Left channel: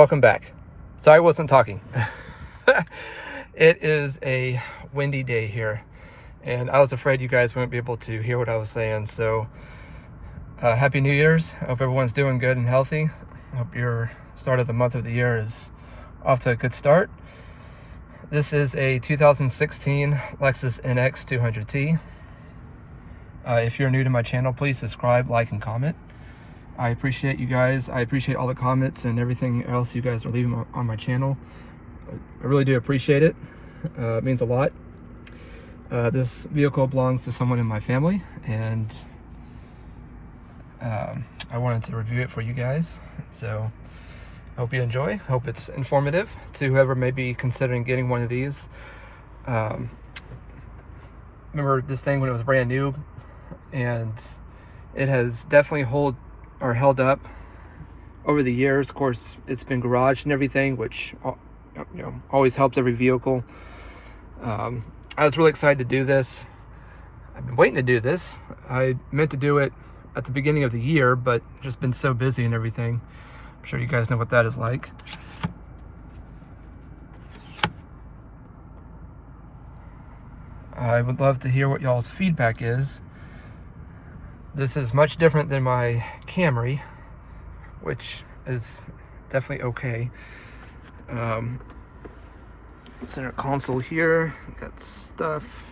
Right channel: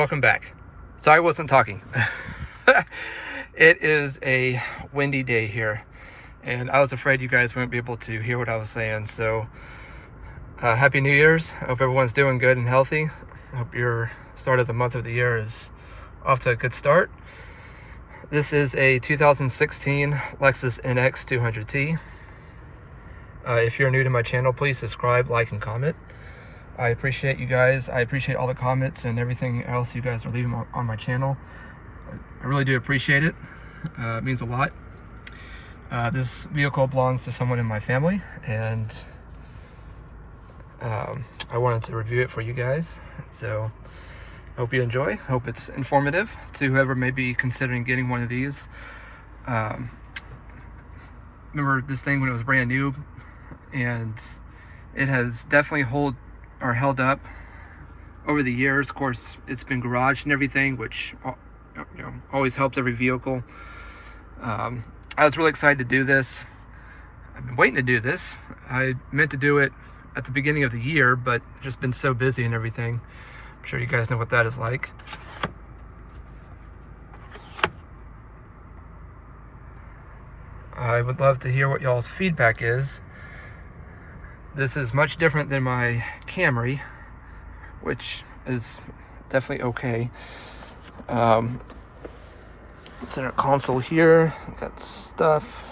welcome back. Sorry I wasn't talking. It is a windy day here, and I was afraid you guys wouldn't be able to hear what I was saying. So Happy New Year's. I hope everyone's doing good and healthy. I hope your start of the month of the year is off to a good start. This is a 2016 Lexus NX200t. If you're new to my channel, please subscribe, like, and comment. I appreciate you guys. I appreciate all the comments and everything else you guys are leaving on my channel. I really do appreciate it. It means a lot. This vehicle belongs to someone in my family, and I wanted to review it for you guys. So hope you enjoy. Hope it's informative to whoever may be considering getting one of these. Remember this thing when it was brand new, and it has definitely held up over the years. Of course, it's been garaged and everything, which always helps every vehicle. I was really excited to do this. I've been waiting to do this. I meant to do it at the beginning of the year, but just been so busy and everything. I'm sure you guys know what that is like. I would love to hear what y'all's feedback is. This is much different than my Camry, which is definitely okay. Center console here, got stuff.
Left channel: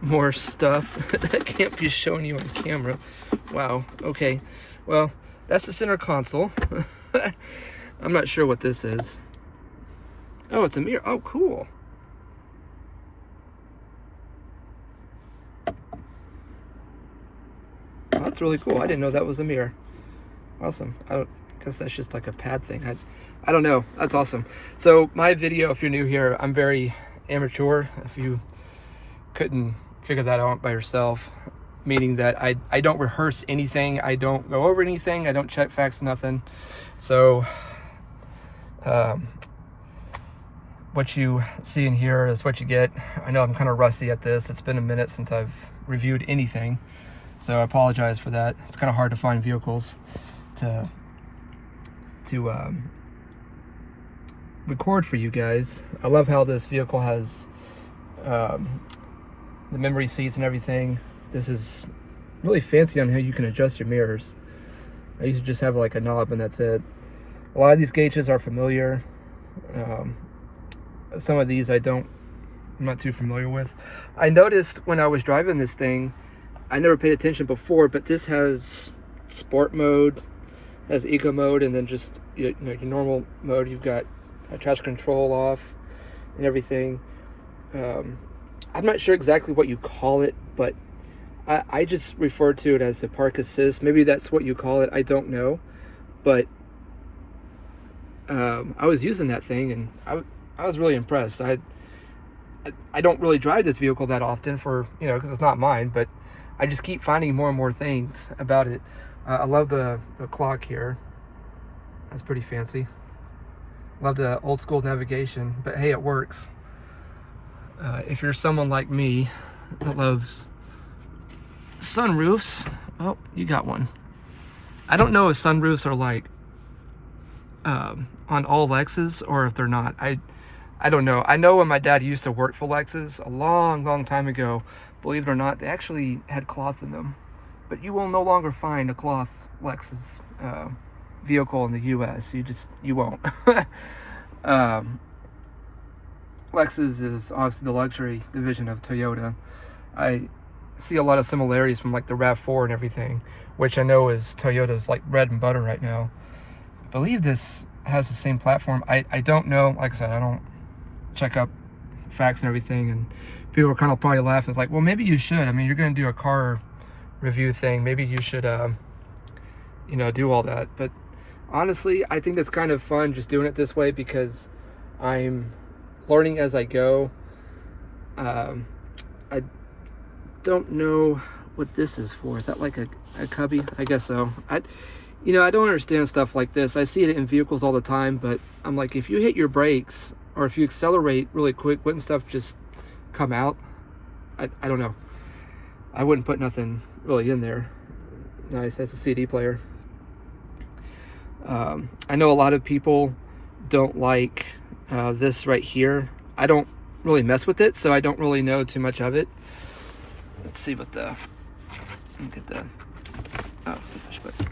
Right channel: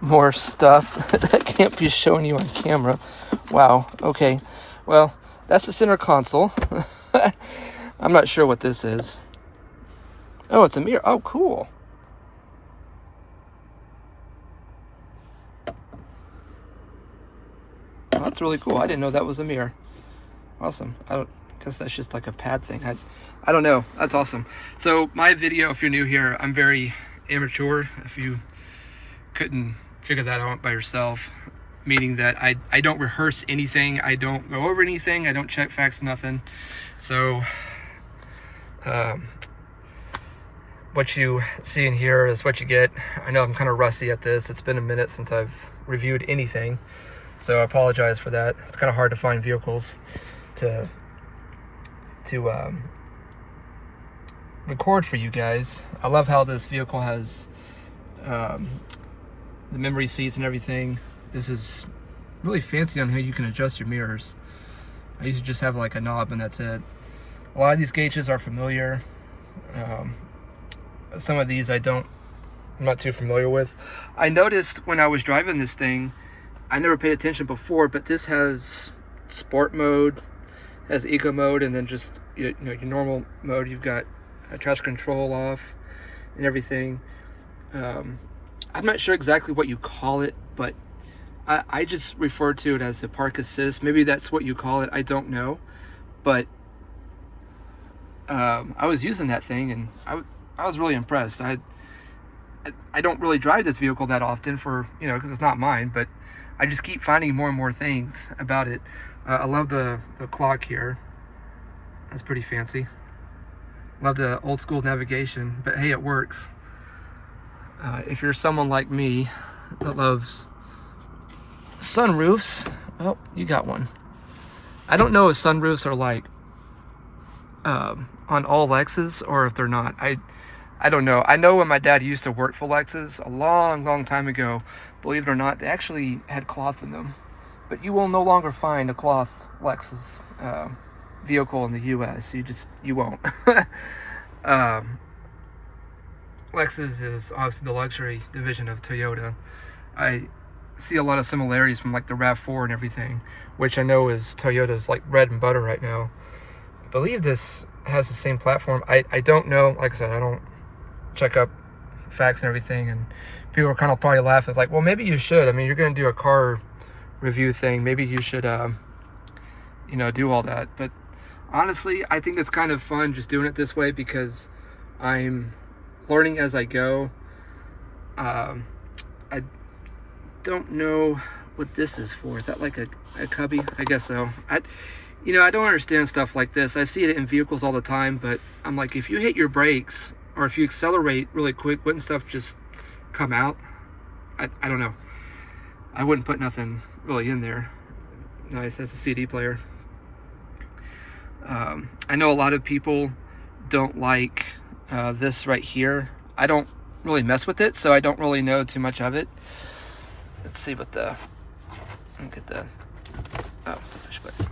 More stuff that can't be showing you on camera. Wow, okay. Well, that's the center console. I'm not sure what this is. Oh, it's a mirror. Oh, cool. Oh, that's really cool. I didn't know that was a mirror. Awesome. I guess that's just like a pad thing. I don't know. That's awesome. So my video, if you're new here, I'm very amateur. If you couldn't figure that out by yourself, meaning that I don't rehearse anything. I don't go over anything. I don't check facts, nothing. So what you see in here is what you get. I know I'm kind of rusty at this. It's been a minute since I've reviewed anything, so I apologize for that. It's kind of hard to find vehicles to record for you guys. I love how this vehicle has the memory seats and everything. This is really fancy on how you can adjust your mirrors. I used to just have like a knob and that's it. A lot of these gauges are familiar. Some of these I'm not too familiar with. I noticed when I was driving this thing, I never paid attention before, but this has sport mode, has eco mode, and then just your normal mode. You've got traction control off and everything. I'm not sure exactly what you call it, but I just refer to it as the park assist. Maybe that's what you call it. I don't know, but I was using that thing and I was really impressed. I don't really drive this vehicle that often because it's not mine, but I just keep finding more and more things about it. I love the clock here. That's pretty fancy. Love the old school navigation, but hey, it works. If you're someone like me that loves sunroofs, oh, you got one. I don't know if sunroofs are like on all Lexus or if they're not. I don't know. I know when my dad used to work for Lexus a long time ago, believe it or not, they actually had cloth in them. But you will no longer find a cloth Lexus vehicle in the US. You won't. Lexus is obviously the luxury division of Toyota. I see a lot of similarities from like the RAV4 and everything, which I know is Toyota's like bread and butter right now. I believe this has the same platform. I don't know. Like I said, I don't check up facts and everything, and people are kind of probably laughing. It's like, well, maybe you should. I mean, you're going to do a car review thing. Maybe you should, do all that. But honestly, I think it's kind of fun just doing it this way because I'm learning as I go. I don't know what this is for. Is that like a cubby? I guess so. I don't understand stuff like this. I see it in vehicles all the time, but I'm like, if you hit your brakes or if you accelerate really quick, wouldn't stuff just come out? I don't know. I wouldn't put nothing really in there. Nice, that's a CD player. I know a lot of people don't like this right here. I don't really mess with it, so I don't really know too much of it. Let's see what the, get the, oh, the push button.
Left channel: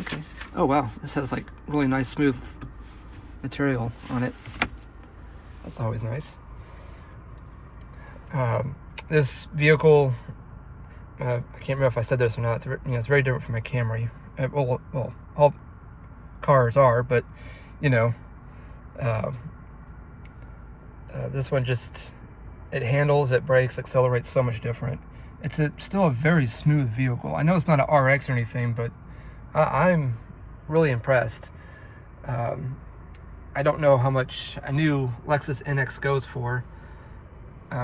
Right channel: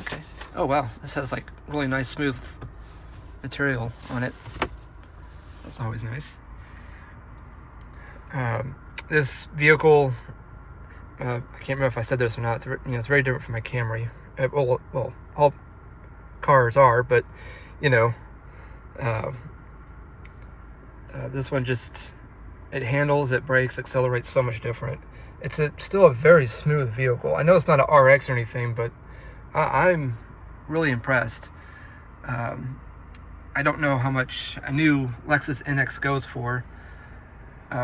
Okay. Oh wow, this has like really nice smooth material on it. That's always nice. This vehicle, I can't remember if I said this or not. It's very different from my Camry. Well, all cars are, but this one just, it handles, it brakes, accelerates so much different. It's still a very smooth vehicle. I know it's not an RX or anything, but I'm really impressed. I don't know how much a new Lexus NX goes for.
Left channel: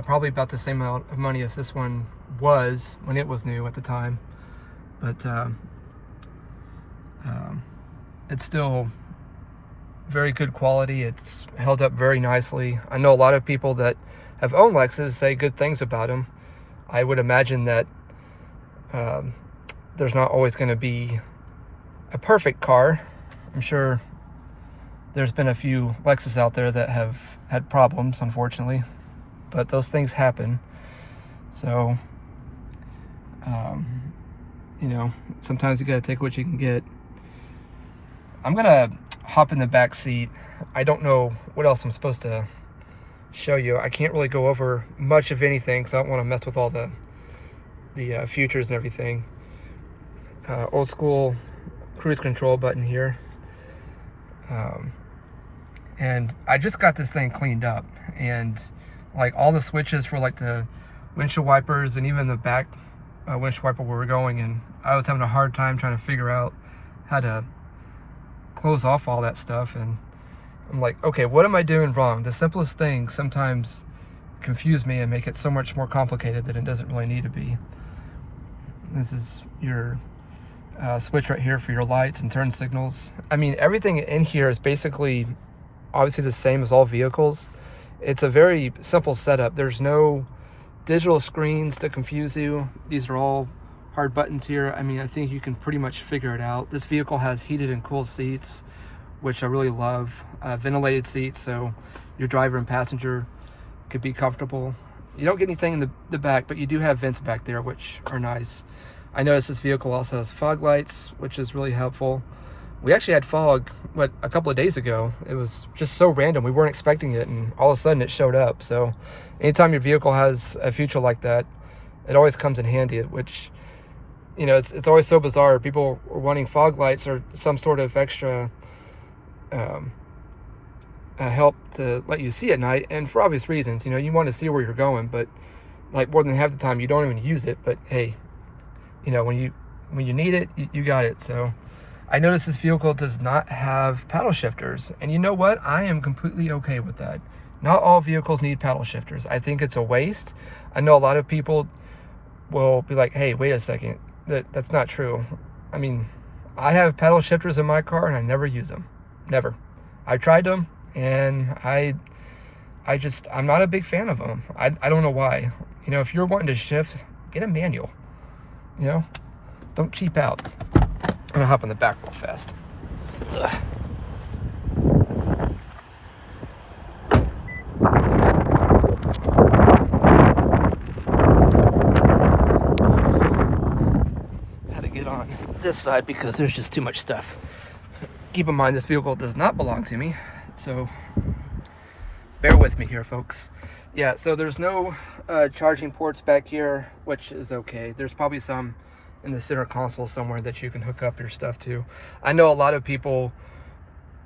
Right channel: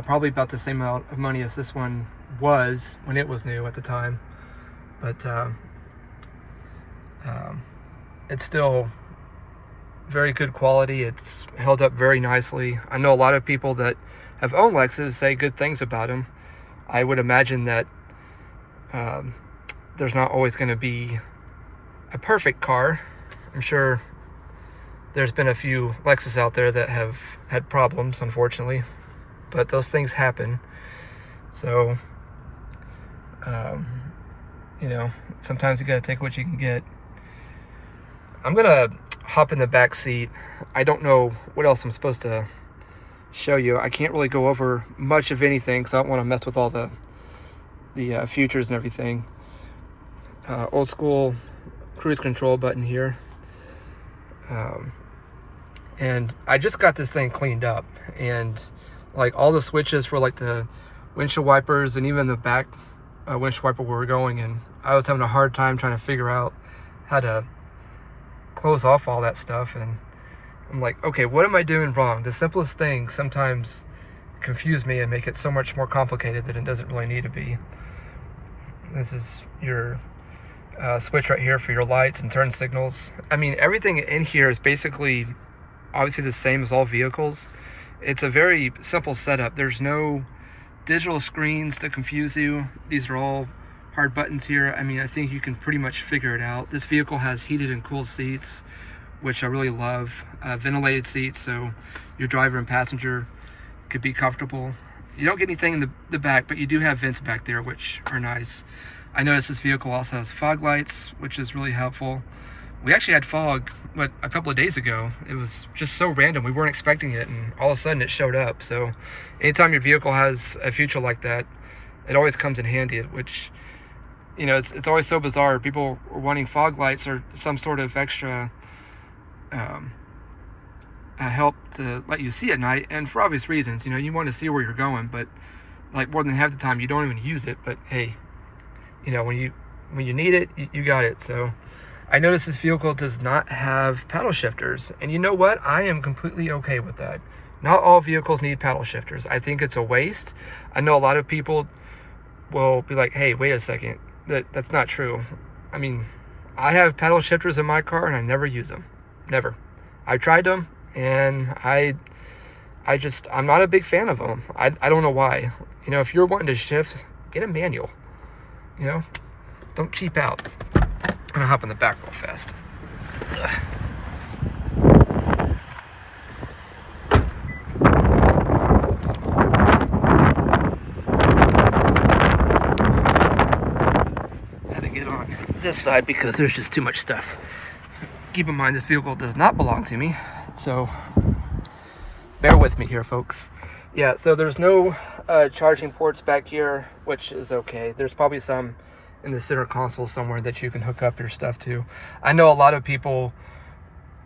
Probably about the same amount of money as this one was when it was new at the time. But it's still very good quality. It's held up very nicely. I know a lot of people that have owned Lexus say good things about them. I would imagine that there's not always going to be a perfect car. I'm sure there's been a few Lexus out there that have had problems, unfortunately, but those things happen. So, sometimes you gotta take what you can get. I'm gonna hop in the back seat. I don't know what else I'm supposed to show you. I can't really go over much of anything because I don't want to mess with all the features and everything. Old school cruise control button here. And I just got this thing cleaned up, and like all the switches for like the windshield wipers and even the back windshield wiper where we're going, and I was having a hard time trying to figure out how to close off all that stuff. And I'm like, okay, what am I doing wrong? The simplest things sometimes confuse me and make it so much more complicated that it doesn't really need to be. This is your switch right here for your lights and turn signals. I mean, everything in here is basically obviously the same as all vehicles. It's a very simple setup. There's no digital screens to confuse you. These are all hard buttons here. I mean, I think you can pretty much figure it out. This vehicle has heated and cooled seats, which I really love. Ventilated seats, so your driver and passenger could be comfortable. You don't get anything in the back, but you do have vents back there, which are nice. I noticed this vehicle also has fog lights, which is really helpful. We actually had fog, a couple of days ago. It was just so random. We weren't expecting it, and all of a sudden it showed up. So anytime your vehicle has a feature like that, it always comes in handy, which, it's always so bizarre. People are wanting fog lights or some sort of extra help to let you see at night, and for obvious reasons. You want to see where you're going, but like more than half the time you don't even use it. But hey, when you need it, you got it. So I noticed this vehicle does not have paddle shifters, and you know what? I am completely okay with that. Not all vehicles need paddle shifters. I think it's a waste. I know a lot of people will be like, hey, wait a second, that's not true. I mean, I have paddle shifters in my car and I never use them. Never. I tried them, and I'm not a big fan of them. I don't know why. If you're wanting to shift, get a manual. Don't cheap out. I'm gonna hop in the back real fast. Ugh. Had to get on this side because there's just too much stuff. Keep in mind, this vehicle does not belong to me, so bear with me here, folks. Yeah, so there's no charging ports back here, which is okay. There's probably some in the center console somewhere that you can hook up your stuff to. I know a lot of people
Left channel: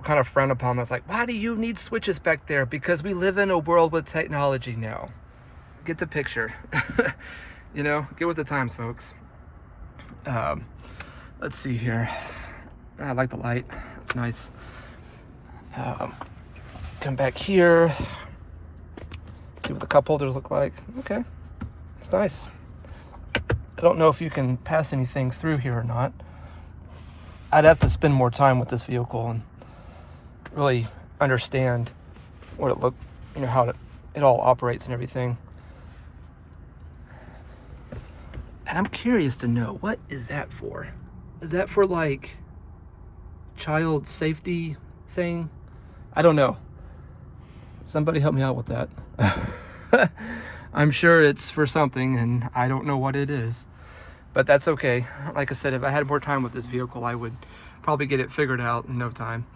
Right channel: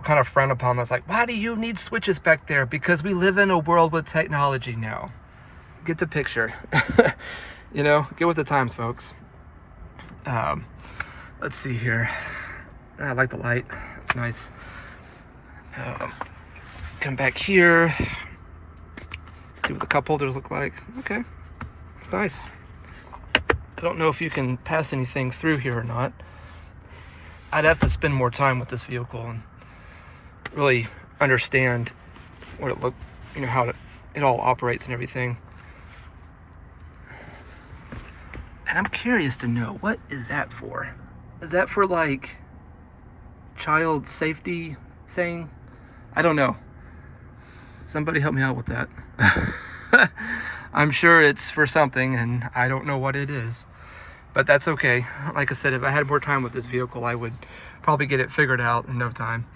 kind of frown upon that's like, why do you need switches back there? Because we live in a world with technology now. Get the picture. Get with the times, folks. Let's see here. I like the light. It's nice. Come back here. See what the cup holders look like. Okay. It's nice. I don't know if you can pass anything through here or not. I'd have to spend more time with this vehicle and really understand what it look, how it all operates and everything. I And I'm curious to know, what is that for? Is that for like child safety thing? I don't know. Somebody help me out with that. I'm sure it's for something and I don't know what it is, but that's okay. Like I said, if I had more time with this vehicle, I would probably get it figured out in no time.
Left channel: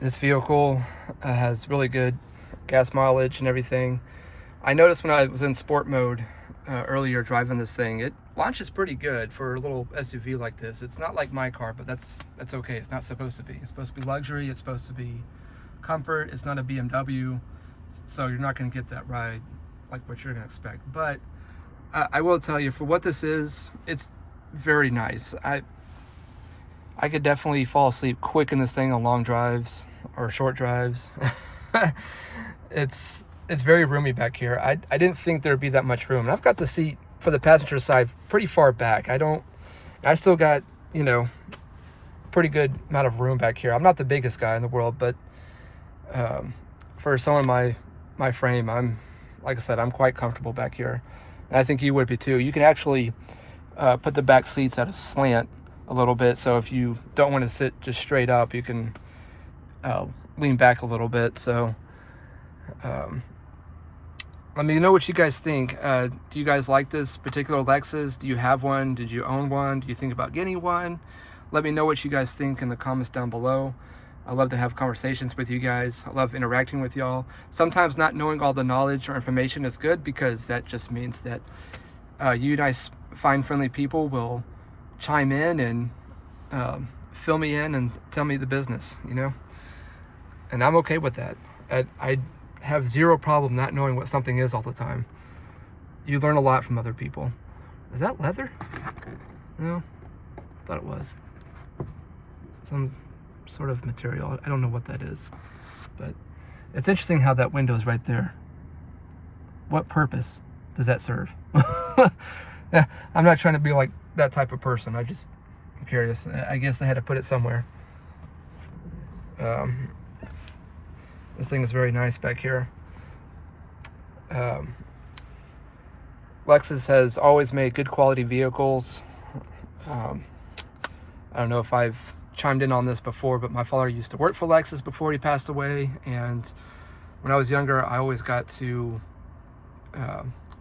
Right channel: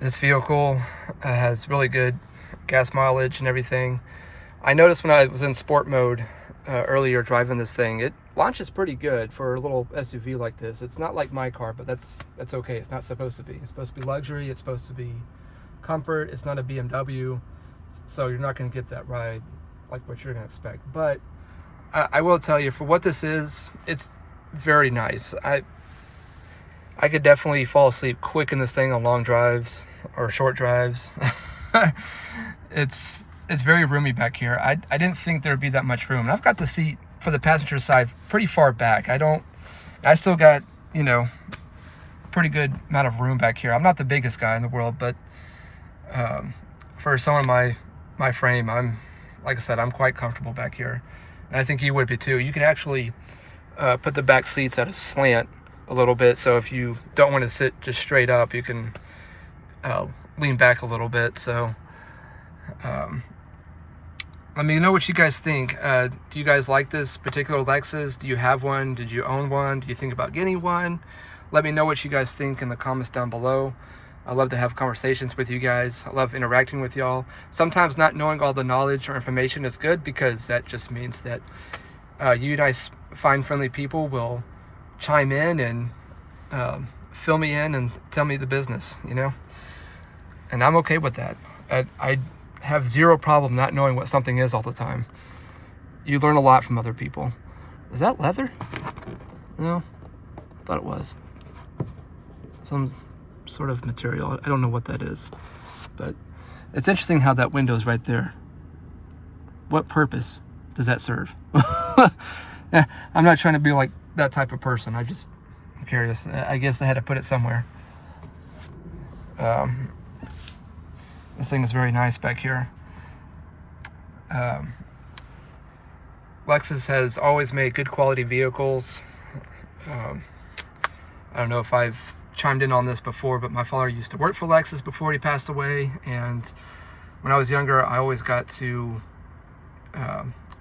This vehicle has really good gas mileage and everything. I noticed when I was in sport mode earlier driving this thing, it launches pretty good for a little SUV like this. It's not like my car, but that's okay. It's not supposed to be. It's supposed to be luxury. It's supposed to be comfort. It's not a BMW, so you're not going to get that ride like what you're going to expect. But I will tell you, for what this is, it's very nice. I could definitely fall asleep quick in this thing on long drives or short drives. It's very roomy back here. I didn't think there would be that much room. And I've got the seat for the passenger side pretty far back. I still got, you know, pretty good amount of room back here. I'm not the biggest guy in the world, but for someone my frame, like I said, I'm quite comfortable back here. And I think you would be too. You can actually put the back seats at a slant a little bit, so if you don't want to sit just straight up, you can lean back a little bit. So let me know what you guys think. Do you guys like this particular Lexus? Do you have one? Did you own one? Do you think about getting one? Let me know what you guys think in the comments down below. I love to have conversations with you guys. I love interacting with y'all. Sometimes not knowing all the knowledge or information is good, because that just means that you nice, fine, friendly people will chime in and fill me in and tell me the business, you know? And I'm okay with that. I have zero problem not knowing what something is all the time. You learn a lot from other people. Is that leather? No, I thought it was. Some sort of material. I don't know what that is, but it's interesting how that window is right there. What purpose does that serve? Yeah, I'm not trying to be like that type of person. I'm curious. I guess I had to put it somewhere. This thing is very nice back here. Lexus has always made good quality vehicles. I don't know if I've chimed in on this before, but my father used to work for Lexus before he passed away, and when I was younger, I always got to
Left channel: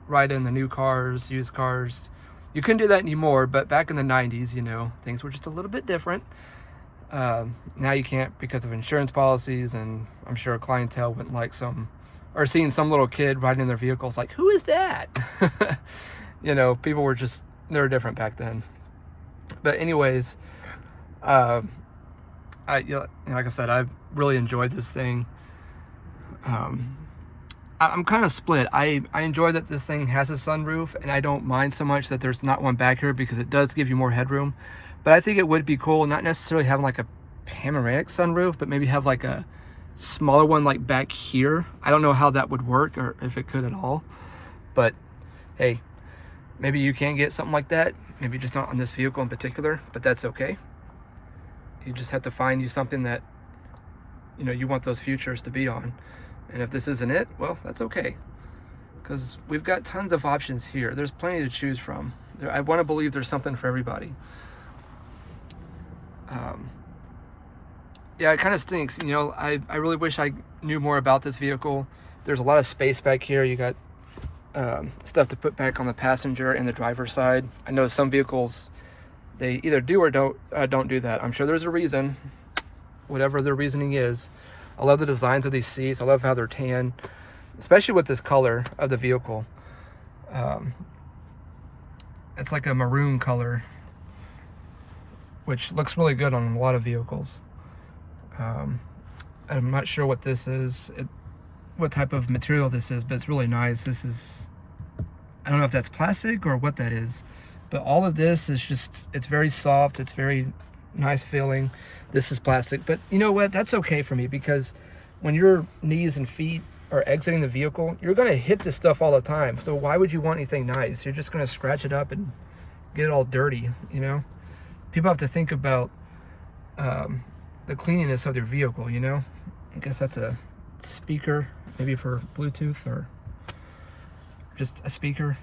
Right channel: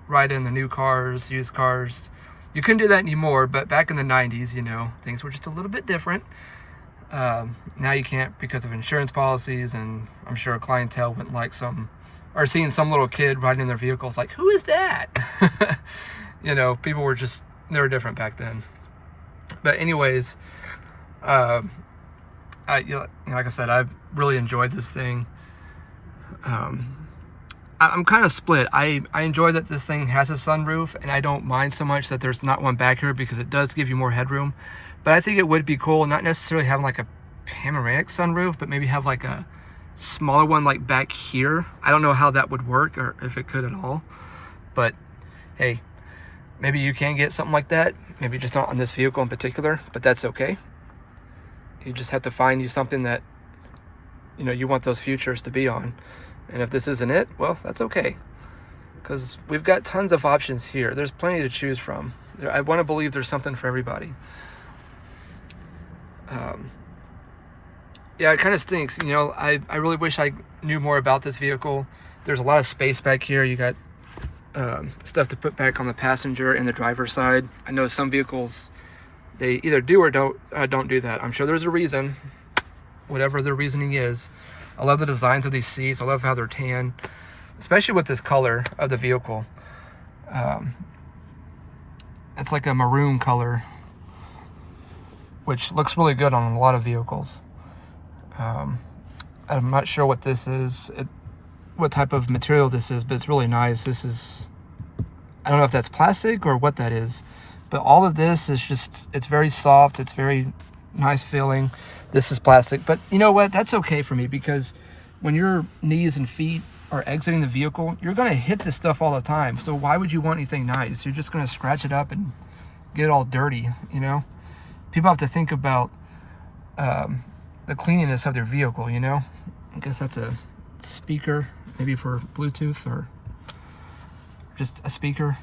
ride in the new cars, used cars. You couldn't do that anymore, but back in the 90s, you know, things were just a little bit different. Now you can't because of insurance policies, and I'm sure a clientele wouldn't like seeing some little kid riding in their vehicles like, who is that? You know, people were they were different back then. But anyways, like I said, I've really enjoyed this thing. I'm kind of split. I enjoy that this thing has a sunroof, and I don't mind so much that there's not one back here, because it does give you more headroom. But I think it would be cool, not necessarily having like a panoramic sunroof, but maybe have like a smaller one like back here. I don't know how that would work, or if it could at all. But hey, maybe you can get something like that. Maybe just not on this vehicle in particular, but that's okay. You just have to find you something that, you know, you want those futures to be on. And if this isn't it, well, that's okay, because we've got tons of options here. There's plenty to choose from. I want to believe there's something for everybody. Yeah, it kind of stinks. You know, I really wish I knew more about this vehicle. There's a lot of space back here. You got stuff to put back on the passenger and the driver's side. I know some vehicles, they either do or don't do that. I'm sure there's a reason, whatever the reasoning is. I love the designs of these seats. I love how they're tan, especially with this color of the vehicle. It's like a maroon color, which looks really good on a lot of vehicles. I'm not sure what this is, what type of material this is, but it's really nice. This is, I don't know if that's plastic or what that is, but all of this is just, it's very soft. It's very nice feeling. This is plastic, but you know what? That's okay for me, because when your knees and feet are exiting the vehicle, you're going to hit this stuff all the time. So why would you want anything nice? You're just going to scratch it up and get it all dirty, you know? People have to think about the cleanliness of their vehicle, you know? I guess that's a speaker, maybe for Bluetooth, or just a speaker.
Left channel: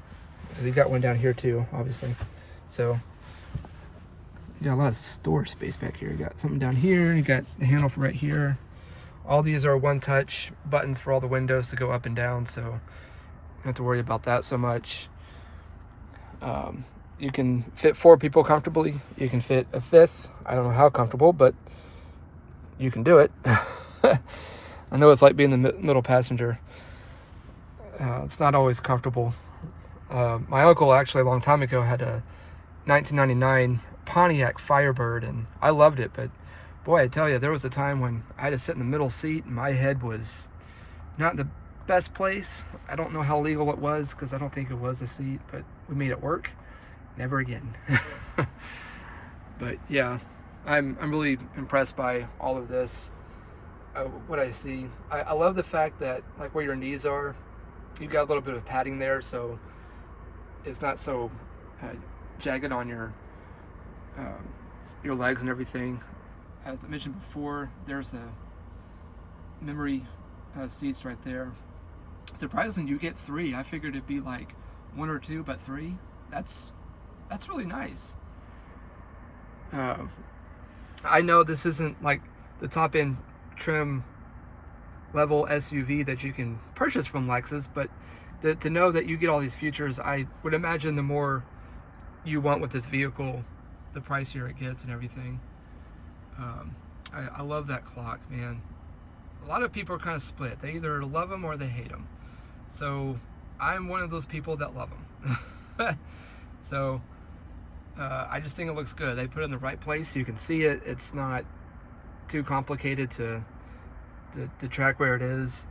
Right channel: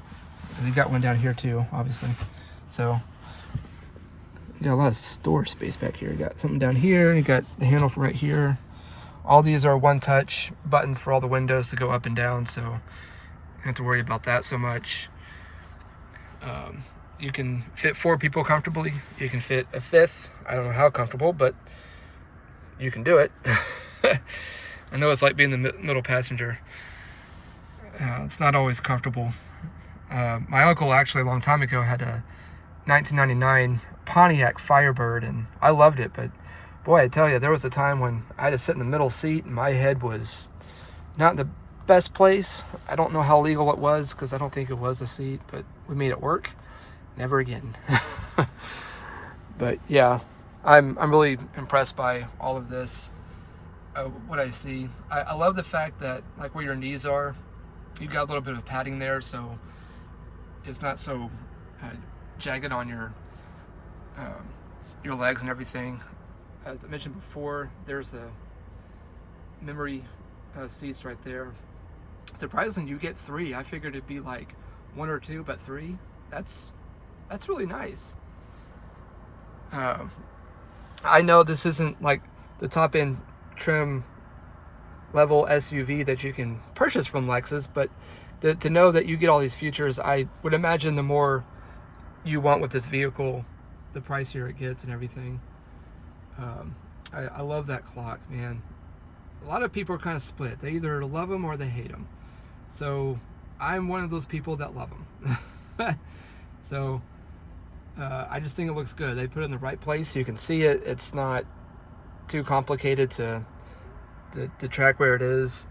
because you got one down here too, obviously. So you got a lot of store space back here. You got something down here, you got the handle for right here. All these are one-touch buttons for all the windows to go up and down, so you don't have to worry about that so much. You can fit 4 people comfortably. You can fit a 5th. I don't know how comfortable, but you can do it. I know it's like being the middle passenger. It's not always comfortable. My uncle actually a long time ago had a 1999 Pontiac Firebird, and I loved it, but boy, I tell you, there was a time when I had to sit in the middle seat and my head was not in the best place. I don't know how legal it was because I don't think it was a seat, but we made it work. Never again. But yeah, I'm really impressed by all of this. What I see, I love the fact that like where your knees are, you've got a little bit of padding there, so it's not so jagged on your legs and everything. As I mentioned before, there's a memory seats right there. Surprisingly, you get 3. I figured it'd be like 1 or 2, but 3. That's really nice. I know this isn't like the top end trim level SUV that you can purchase from Lexus, but to know that you get all these features, I would imagine the more you want with this vehicle, the pricier it gets and everything. I love that clock, man. A lot of people are kind of split. They either love them or they hate them. So I'm one of those people that love them. So I just think it looks good. They put it in the right place. You can see it. It's not too complicated to track where it is.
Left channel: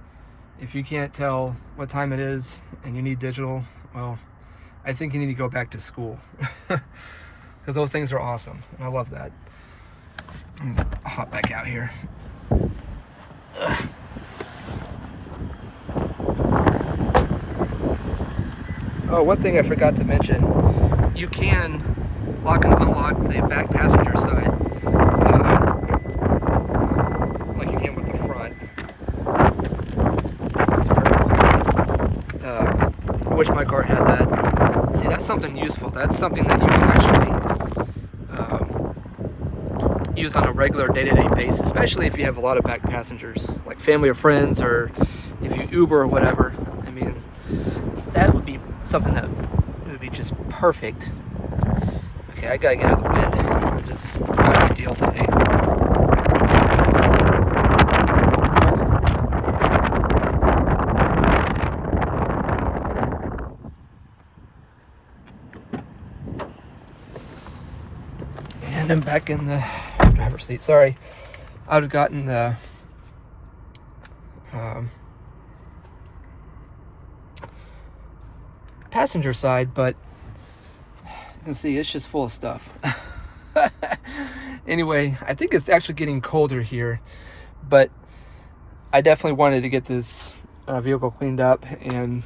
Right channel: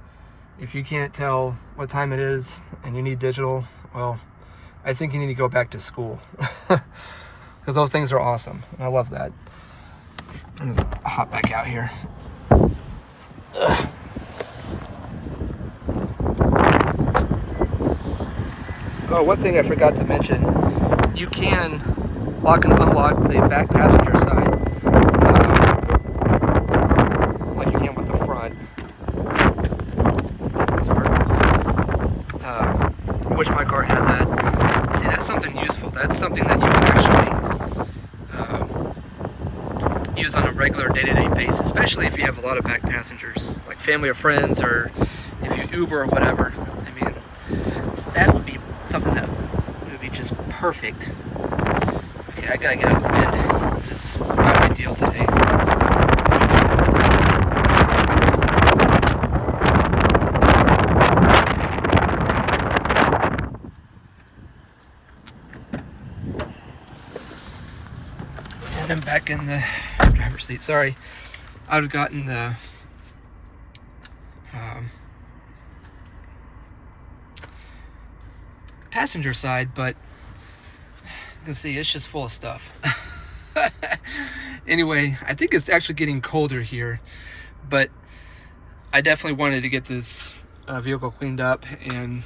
If you can't tell what time it is and you need digital, well, I think you need to go back to school. Because those things are awesome. I love that. Let's hop back out here. Ugh. Oh, one thing I forgot to mention. You can lock and unlock the back passenger side like you can with the front. That's hard. I wish my car had that. See, that's something useful. That's something that you can actually use on a regular day-to-day basis, especially if you have a lot of back passengers, like family or friends, or if you Uber or whatever. I mean, that would be something that would be just perfect. Okay, I gotta get out the wind. It's not a big deal today. And I'm back in the driver's seat. Sorry, I'd have gotten the passenger side, but you can see it's just full of stuff. Anyway, I think it's actually getting colder here, but I definitely wanted to get this vehicle cleaned up and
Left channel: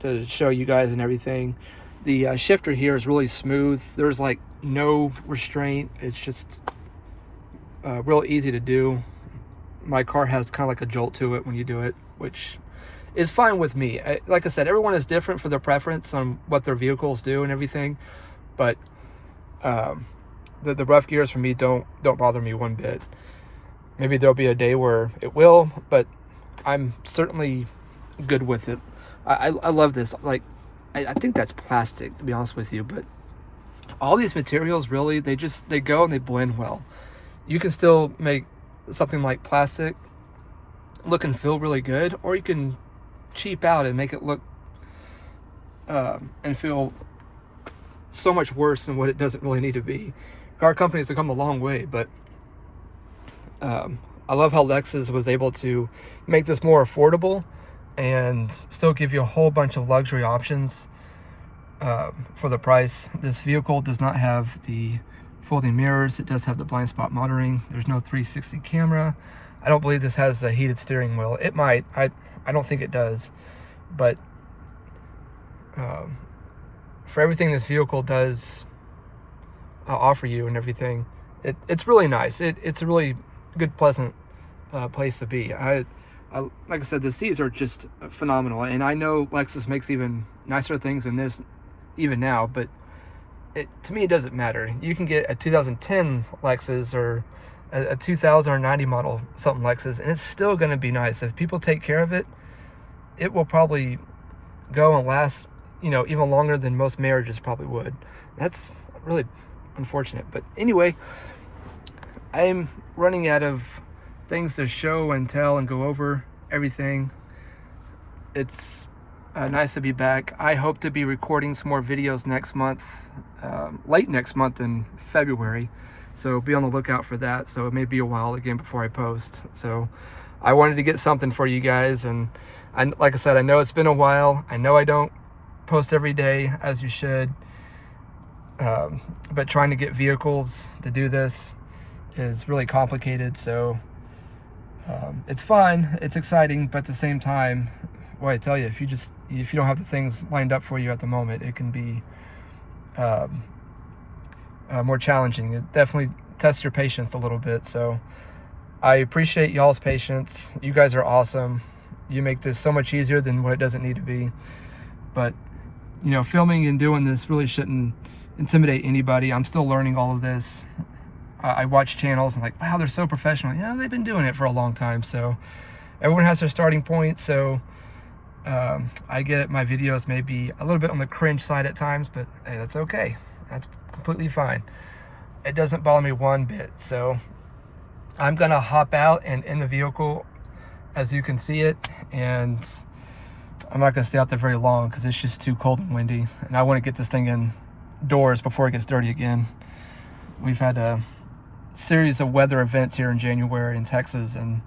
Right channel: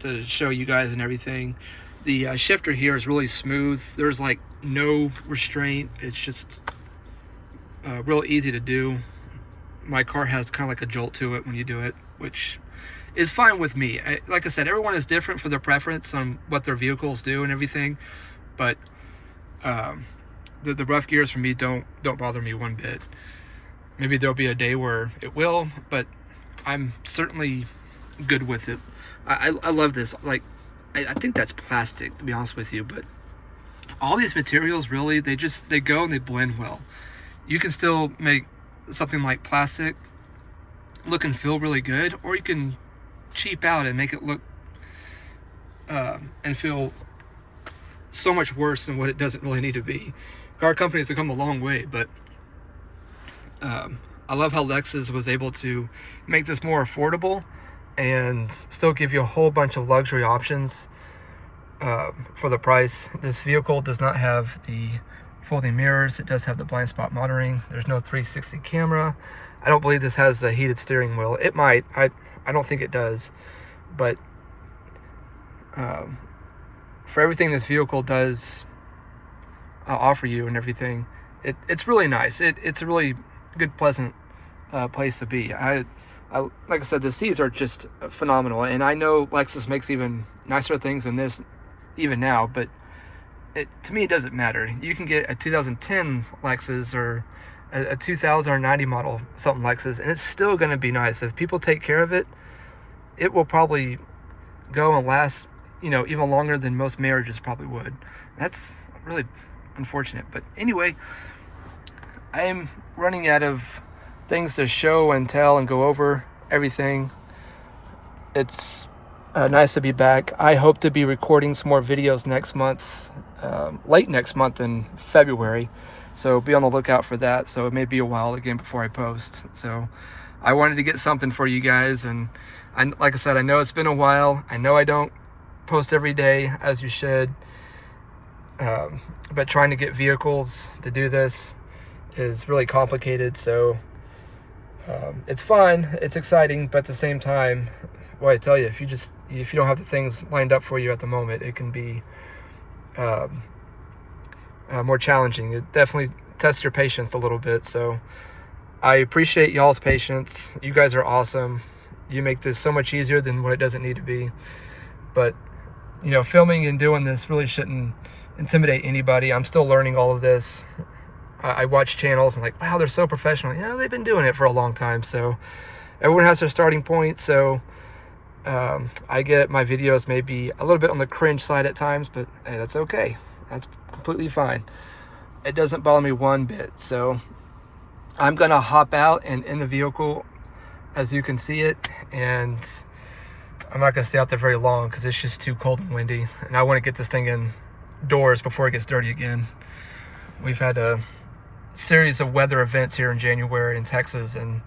to show you guys and everything. The shifter here is really smooth. There's like no restraint. It's just real easy to do. My car has kind of like a jolt to it when you do it, which is fine with me. Like I said, everyone is different for their preference on what their vehicles do and everything, but the rough gears for me don't bother me one bit. Maybe there'll be a day where it will, but I'm certainly good with it. I love this. Like, I think that's plastic, to be honest with you, but all these materials really, they go and they blend well. You can still make something like plastic look and feel really good, or you can cheap out and make it look and feel so much worse than what it doesn't really need to be. Car companies have come a long way, but I love how Lexus was able to make this more affordable and still give you a whole bunch of luxury options for the price. This vehicle does not have the folding mirrors. It does have the blind spot monitoring. There's no 360 camera. I don't believe this has a heated steering wheel. It might. I don't think it does, but for everything this vehicle does offer you and everything, it's really nice. It's a really good, pleasant place to be. I like I said, the seats are just phenomenal, and I know Lexus makes even nicer things than this even now, but to me it doesn't matter. You can get a 2010 Lexus or a 2090 model something Lexus, and it's still going to be nice. If people take care of it, it will probably go and last, you know, even longer than most marriages probably would. That's really unfortunate. But anyway, I am running out of things to show and tell and go over everything. It's nice to be back. I hope to be recording some more videos next month, late next month in February. So be on the lookout for that. So it may be a while again before I post. So I wanted to get something for you guys. And like I said, I know it's been a while. I know I don't post every day as you should. But trying to get vehicles to do this is really complicated. So it's fun, it's exciting, but at the same time, well, I tell you, if you don't have the things lined up for you at the moment, it can be more challenging. It definitely tests your patience a little bit. So I appreciate y'all's patience. You guys are awesome. You make this so much easier than what it doesn't need to be. But you know, filming and doing this really shouldn't intimidate anybody. I'm still learning all of this. I watch channels and like, wow, they're so professional. Yeah, they've been doing it for a long time. So everyone has their starting point. So I get my videos maybe a little bit on the cringe side at times, but hey, that's okay. That's completely fine. It doesn't bother me one bit. So I'm gonna hop out and in the vehicle as you can see it, and I'm not gonna stay out there very long because it's just too cold and windy, and I want to get this thing indoors before it gets dirty again. We've had a series of weather events here in January in Texas, and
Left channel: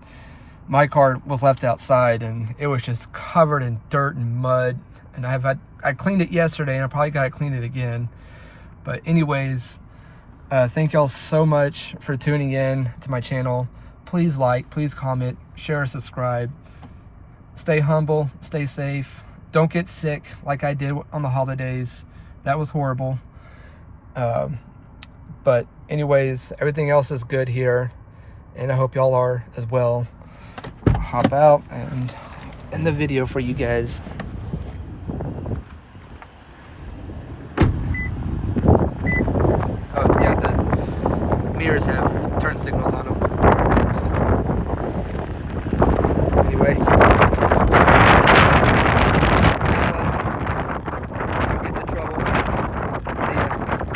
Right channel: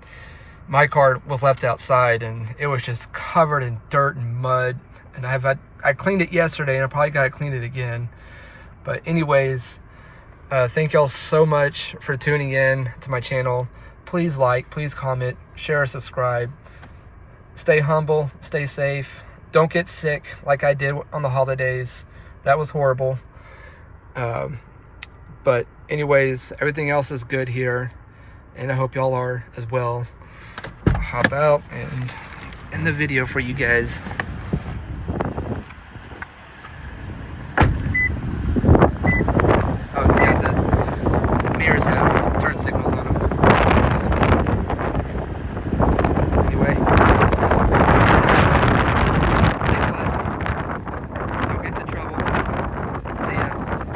my car was left outside and it was just covered in dirt and mud, and I cleaned it yesterday and I probably gotta clean it again. But anyways, thank y'all so much for tuning in to my channel. Please like, please comment, share, subscribe. Stay humble, stay safe. Don't get sick like I did on the holidays. That was horrible. But anyways, everything else is good here, and I hope y'all are as well. I'll hop out and end the video for you guys. Oh yeah, the mirrors have turn signals on them. Anyway.